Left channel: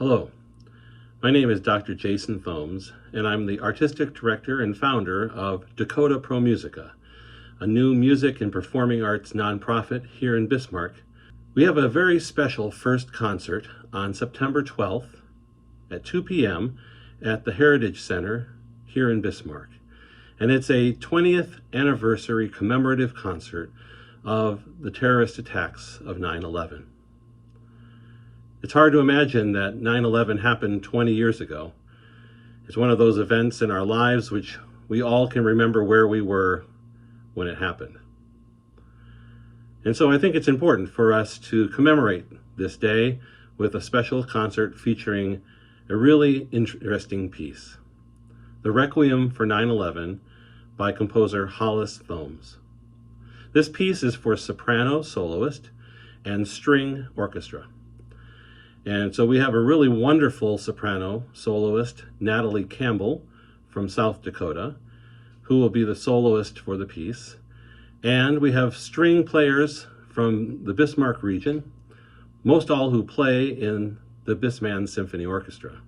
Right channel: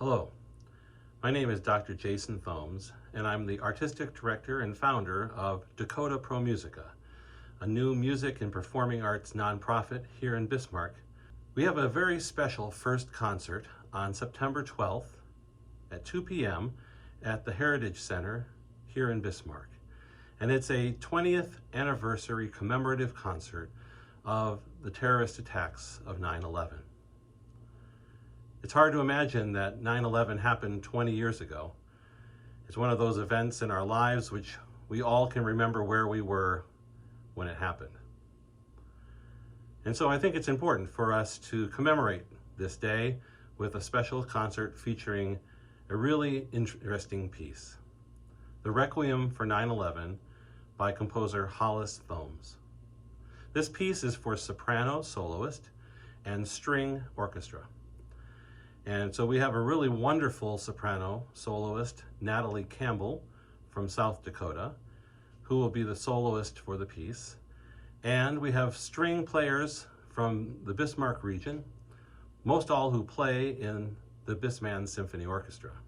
Hello, my name is Dr. Jason Thoms, and I'm the Artistic Director and founder of Dakota Pro Musica, a new music and performing arts nonprofit here in Bismarck. We have a very special first concert on September 12th at 2 p.m. at the Heritage Center here in Bismarck. And it's a 20th anniversary commemorative concert of the terrorist attacks of 9/11. It's hard to imagine that 9/11 happened 20 years ago. It's one of those events in our lives which we all can remember where we were when it happened. And so I think it's important for us to commemorate this day with a special concert featuring a really interesting piece, the Requiem for 9/11 by composer Hollis Thoms. This piece is for soprano soloist and string orchestra. And so we have a really wonderful soprano soloist, Natalie Campbell from South Dakota, who will be the soloist for the piece. And we have string players from the Bismarck region, most all who play in the Bisman Symphony Orchestra.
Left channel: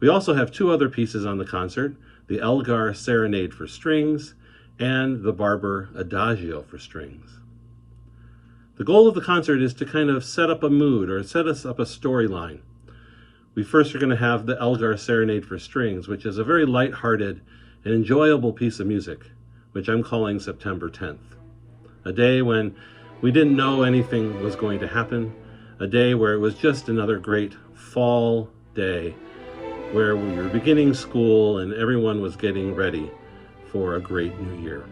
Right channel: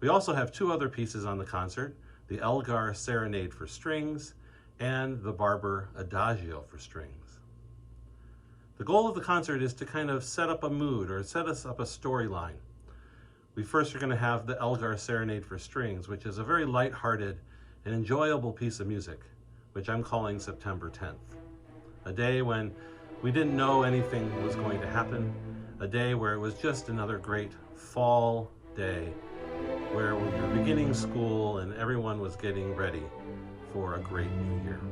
We also have two other pieces on the concert, the Elgar Serenade for strings and the Barber Adagio for strings. The goal of the concert is to kind of set up a mood or set us up a storyline. We first are going to have the Elgar Serenade for strings, which is a very lighthearted and enjoyable piece of music, which I'm calling September 10th. A day when we didn't know anything was going to happen, a day where it was just another great fall day, where we were beginning school and everyone was getting ready for a great new year.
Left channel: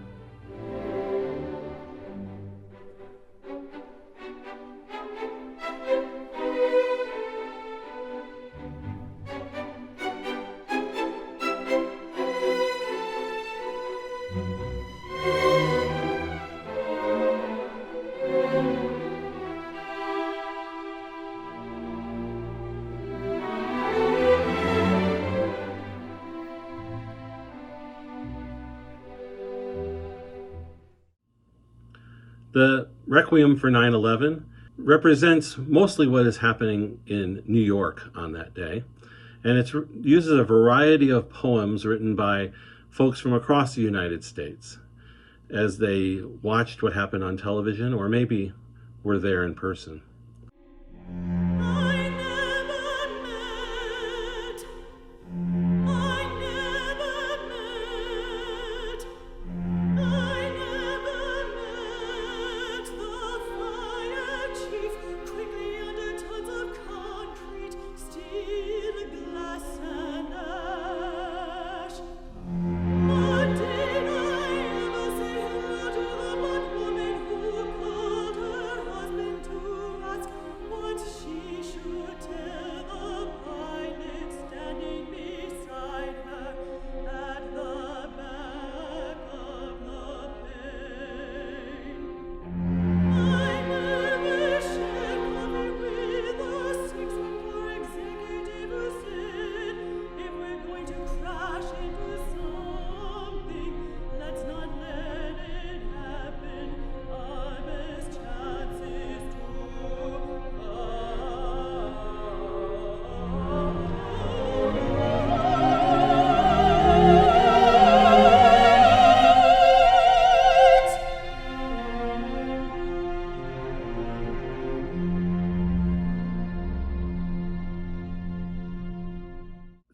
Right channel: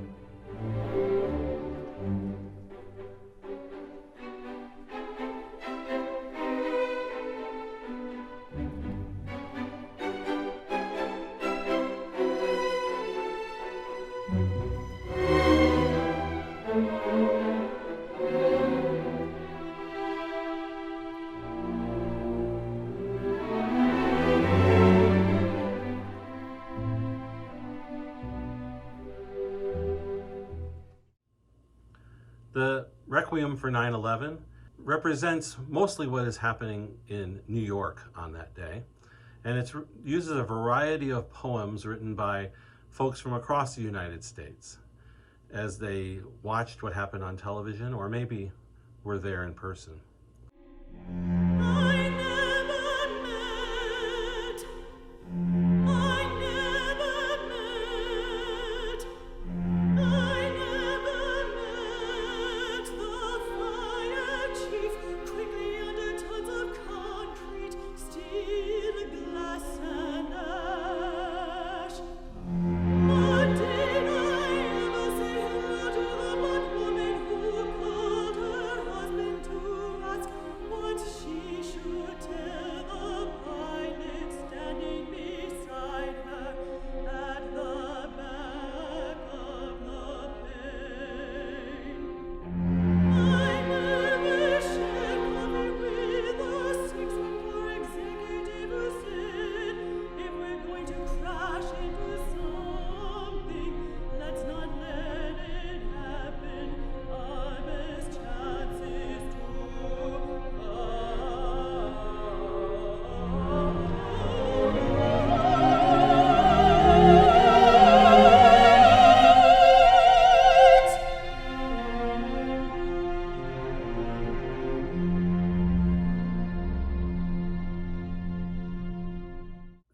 The Requiem for 9/11 represents mostly what is happening in New York on that day. And it uses a variety of poems written by folks from across the United States as they watched what happened on television or maybe were there in person.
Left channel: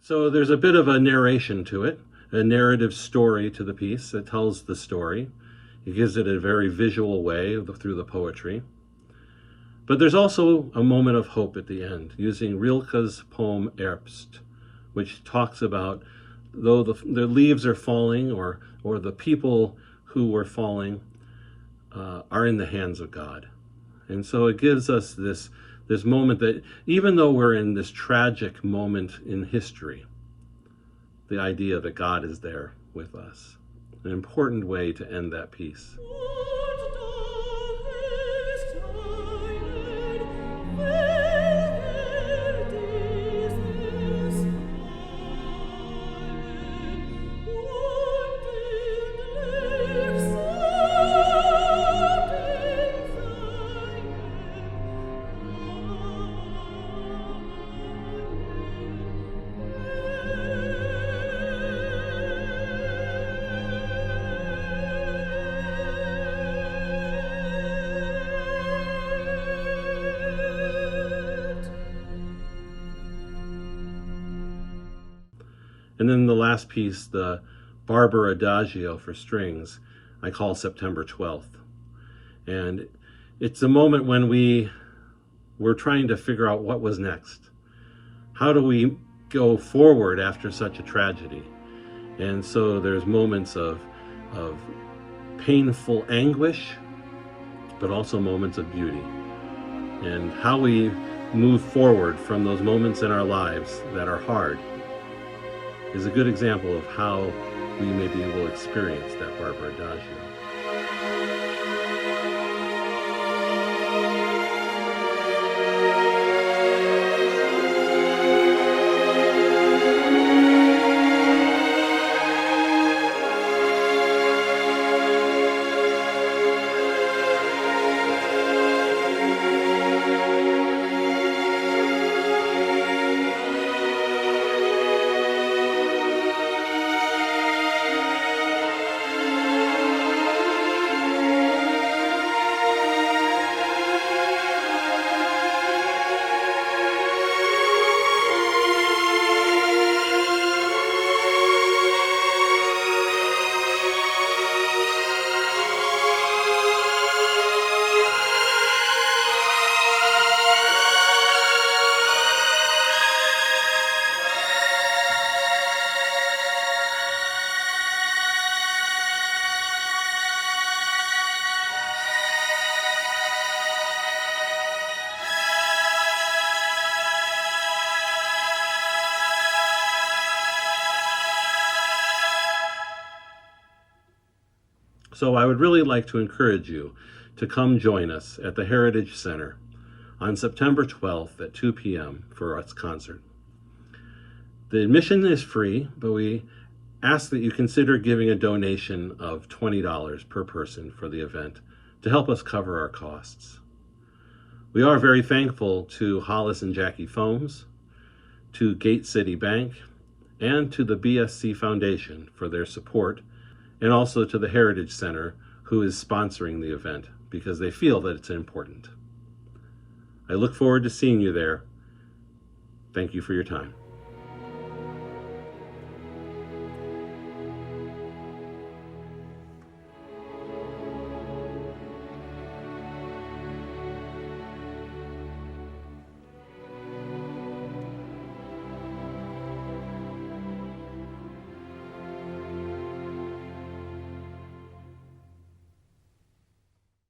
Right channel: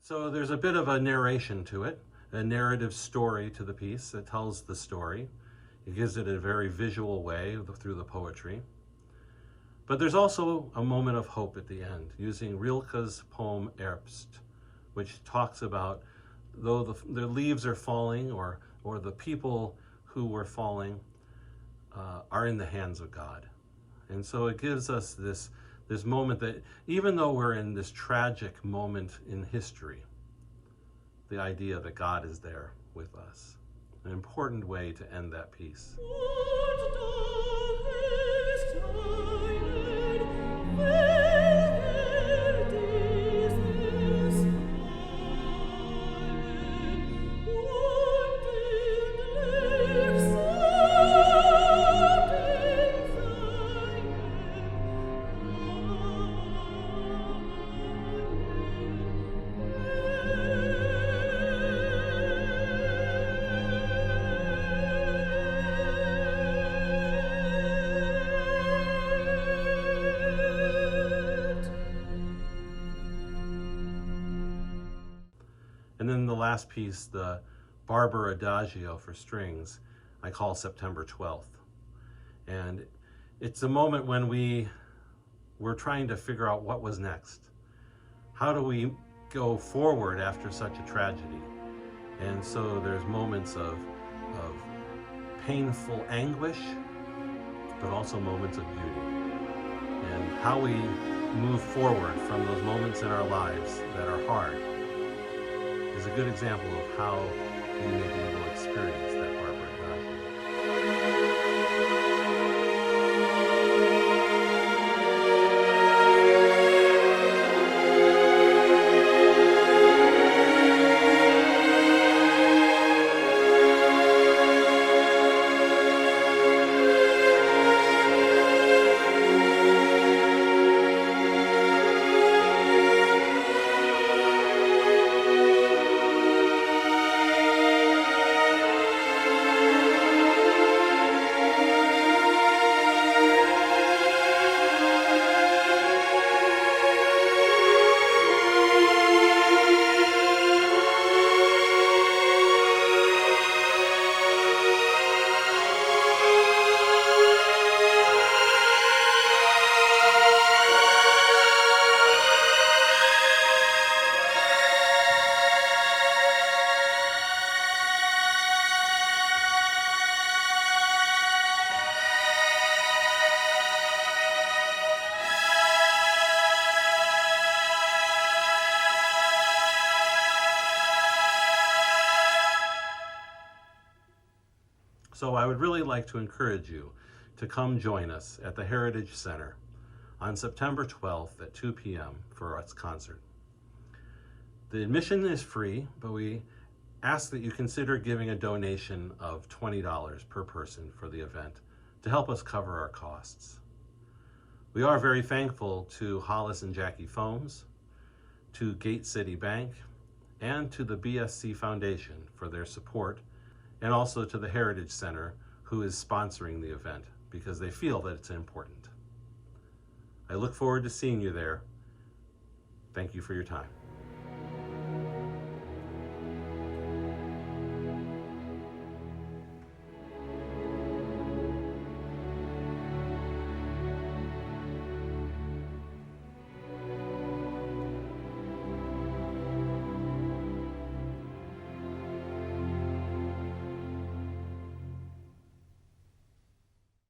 So there's a bit of a narration to it, a narrative story to the piece that tells the story. It gives it a very visual way through the poetry. But there's also a moment of hope at the end, using Rilke's poem Herbst, which talks about though the leaves are falling or the people who were falling are in the hands of God. And so it gives us this moment that even though we're in this tragic moment in history, the idea that God is there with us. An important way to end that piece. And then the last piece, the Barber Adagio for strings, I call September 12th. And it's a moment when we're trying to figure out what was next. How do we go forward after such a tragedy? And so there's moments of painful anguish, but also moments of beauty. And how we move forward from those moments in our lives that are hard is a good example of how we may be able to experience that Barber Adagio. So I would really like to encourage you to come join us at the Heritage Center on September 12th at 2 p.m. for its concert. The admission is free, but we ask that you consider giving a donation of $20 per person for the event to help us cover our costs. We are very thankful to Hollis and Jackie Thoms, to Gate City Bank, and to the BSC Foundation for their support, and also to the Heritage Center, who is sponsoring the event because they feel that it's important. I look forward to seeing you there. Thank you for your time.